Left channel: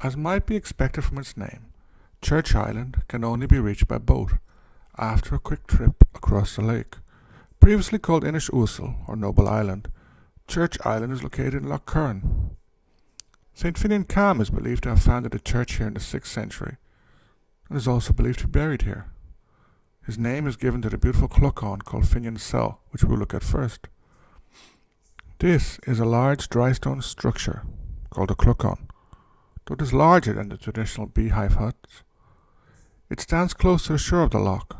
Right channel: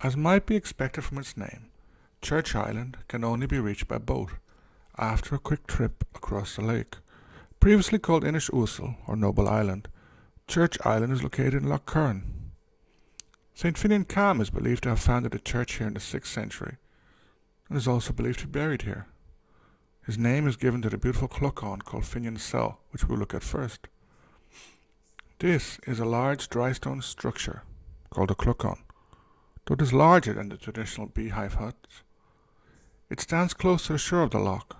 As might be expected from its name, Church Island can only be reached by boat after a quick trip across the lake. Previously called Inish Uasil, or Noble Island, Church Island is located in Lough Curran. St. Finán is believed to have founded a church here in the 6th century, and is also believed to be buried here. His name is given to the beautiful clochán called Finán cell, which we'll look at first. This is a large drystone structure called a clochán, though it is larger than the traditional beehive huts. It stands close to the shore of the loch.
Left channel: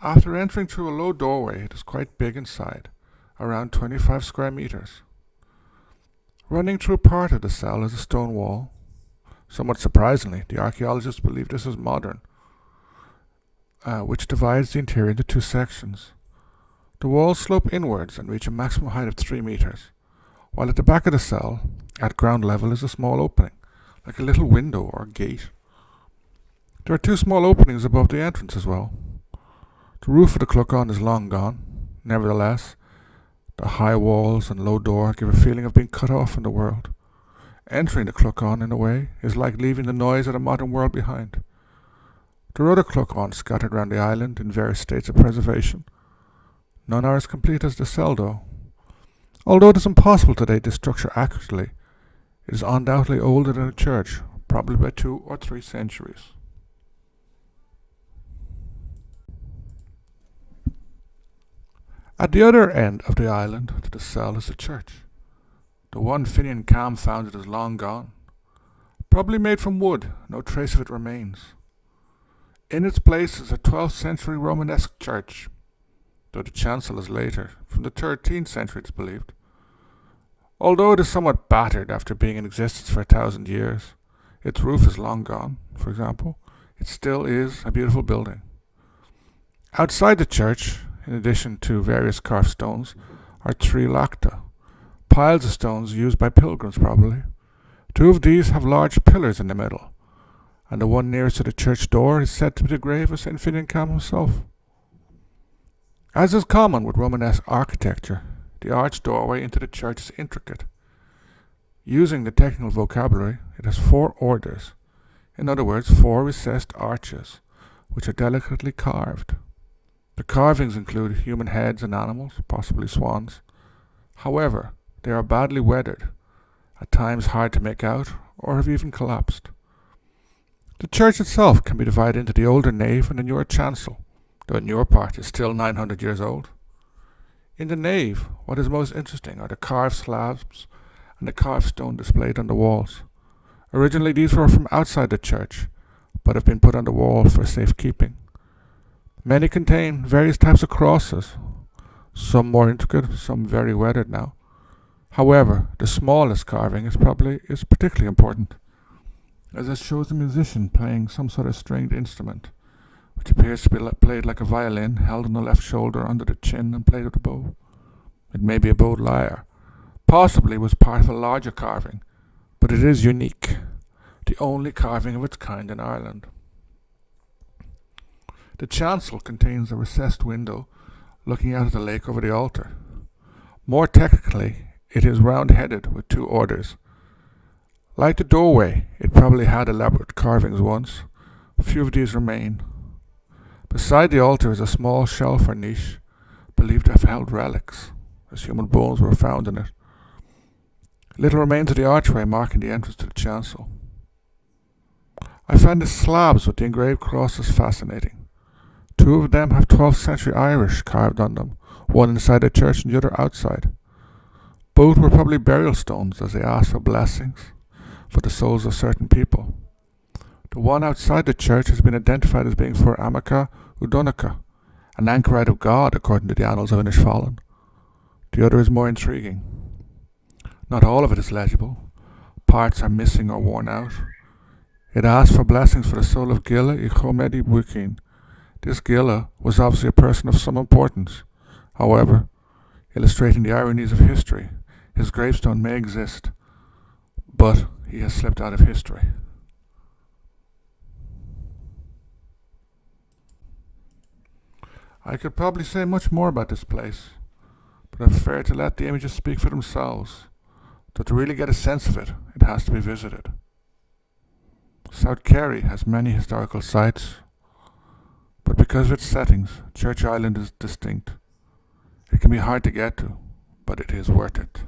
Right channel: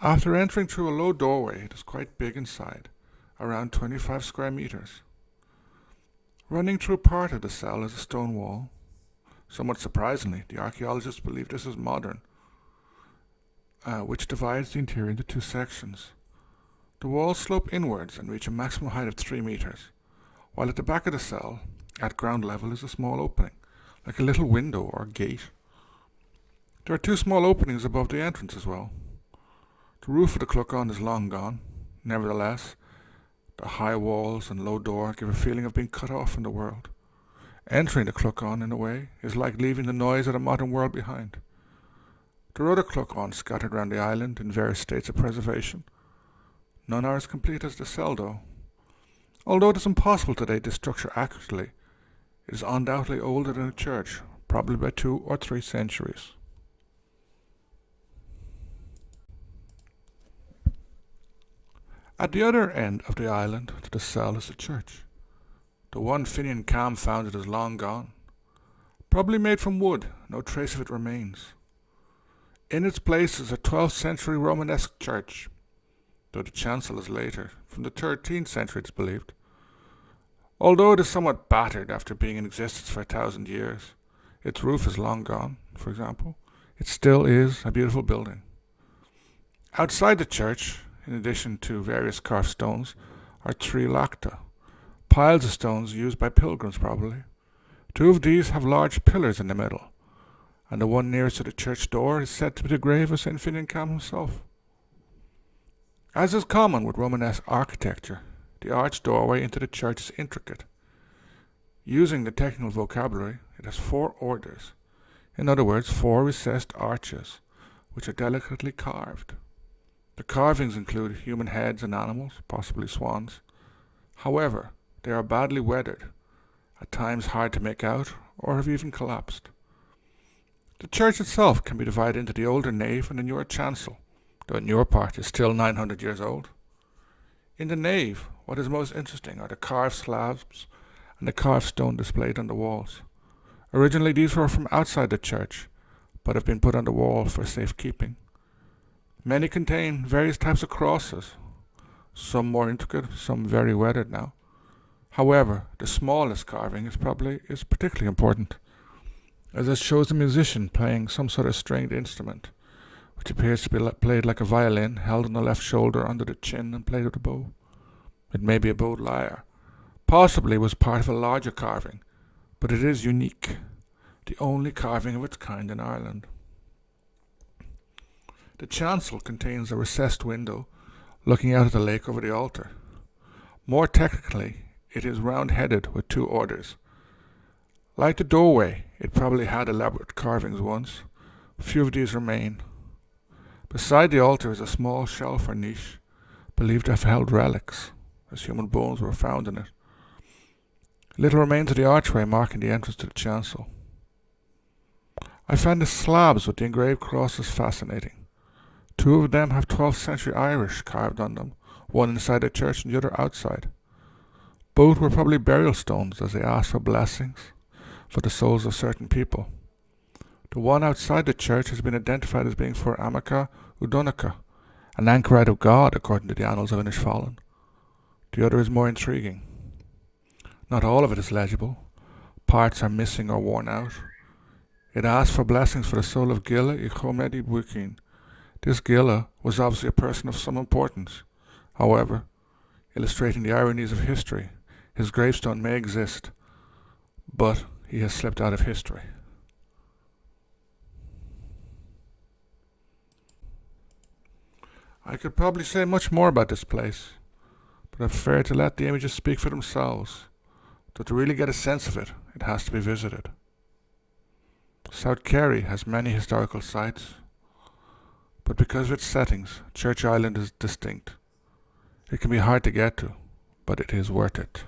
After entering through a low doorway, it is quite big inside, around 25 square meters. Running through part of the cell is a stone wall. Somewhat surprisingly, the archaeologists believe this is modern, which divides the interior into two sections. The walls slope inwards and reach a maximum height of 3 meters, while at the back of the cell, at ground level, is a small opening, like a little window or gate. There are 2 small openings above the entrance as well. The roof of the clochán is long gone. Nevertheless, the high walls and low door give a feeling of being cut off from the world. Entering the clochán, in a way, is like leaving the noise of the modern world behind. There are other clocháns scattered around the island in various states of preservation. None are as complete as the cell, though. Although it is impossible to date this structure accurately, it is undoubtedly older than the church, probably by 2 or 3 centuries. At the other end of the island to the cell is the church. The one Finán founded is long gone. Probably made from wood, no trace of it remains. In its place is a 12th century Romanesque church, though the chancel is later, from the 13th century it is believed. Although it is somewhat battered after being in existence for 1,000 years, its roof is long gone, for example, it still is a beautiful building. Outside the church, in addition to various carved stones, are 3 lacta, piles of stones used by pilgrims probably. 2 of these have large pillars in the middle, and the one nearest to the church door is said to be the grave of St. Finán himself. As is common with Romanesque architecture, the arched doorway into the church is intricate. Using the technical vocabulary, it has 4 orders, in other words 4 recessed arches, which are delicately carved. The carvings include human heads and animals, possibly swans. However, they are badly weathered, at times hard to make out, or have even collapsed. The church itself can be divided into the older nave and the newer chancel, though the newer part is still 900 years old. In the nave, what is most interesting are the carved slabs and the carved stone displayed on the walls. Originally these were from outside the church, but have been put on the wall for safekeeping. Many contain various types of crosses, some more intricate, some very weathered now. However, the smallest carving is particularly important, as it shows a musician playing some sort of stringed instrument, which appears to be played like a violin, held on the left shoulder under the chin and played with a bow. It may be a bowed lyre. Possibly was part of a larger carving, but it is unique, the only carving of its kind in Ireland. The chancel contains a recessed window looking out at the lake over the altar. More technically, it is round-headed with 2 orders. Like the doorway, it probably had elaborate carvings once. A few of these remain. Beside the altar is a small shelf or niche, believed to have held relics, as human bones were found in it. Little remains of the archway marking the entrance to the chancel. I find the slabs with the engraved crosses fascinating. 2 of them have 12th century Irish carved on them, one inside the church and the other outside. Both were probably burial stones, as they asked for blessings for the souls of certain people. The one outside the church has been identified as being for Amica Udonica, an anchorite of God according to the annals of Inishfallen. The other is more intriguing. Not all of it is legible. Parts are missing or worn out. It asks for blessings for the soul of Gilla I Chomedi Buchin. This Gilla was obviously a person of some importance. However, illustrating the ironies of history, his gravestone may exist, but he has slipped out of history. I could probably say much more about this place, but I prefer to let the images speak for themselves. Though to really get a sense of it, it has to be visited. South Kerry has many historical sites, but because of its settings, Church Island is distinct. It can be hard to get to, but it is worth it.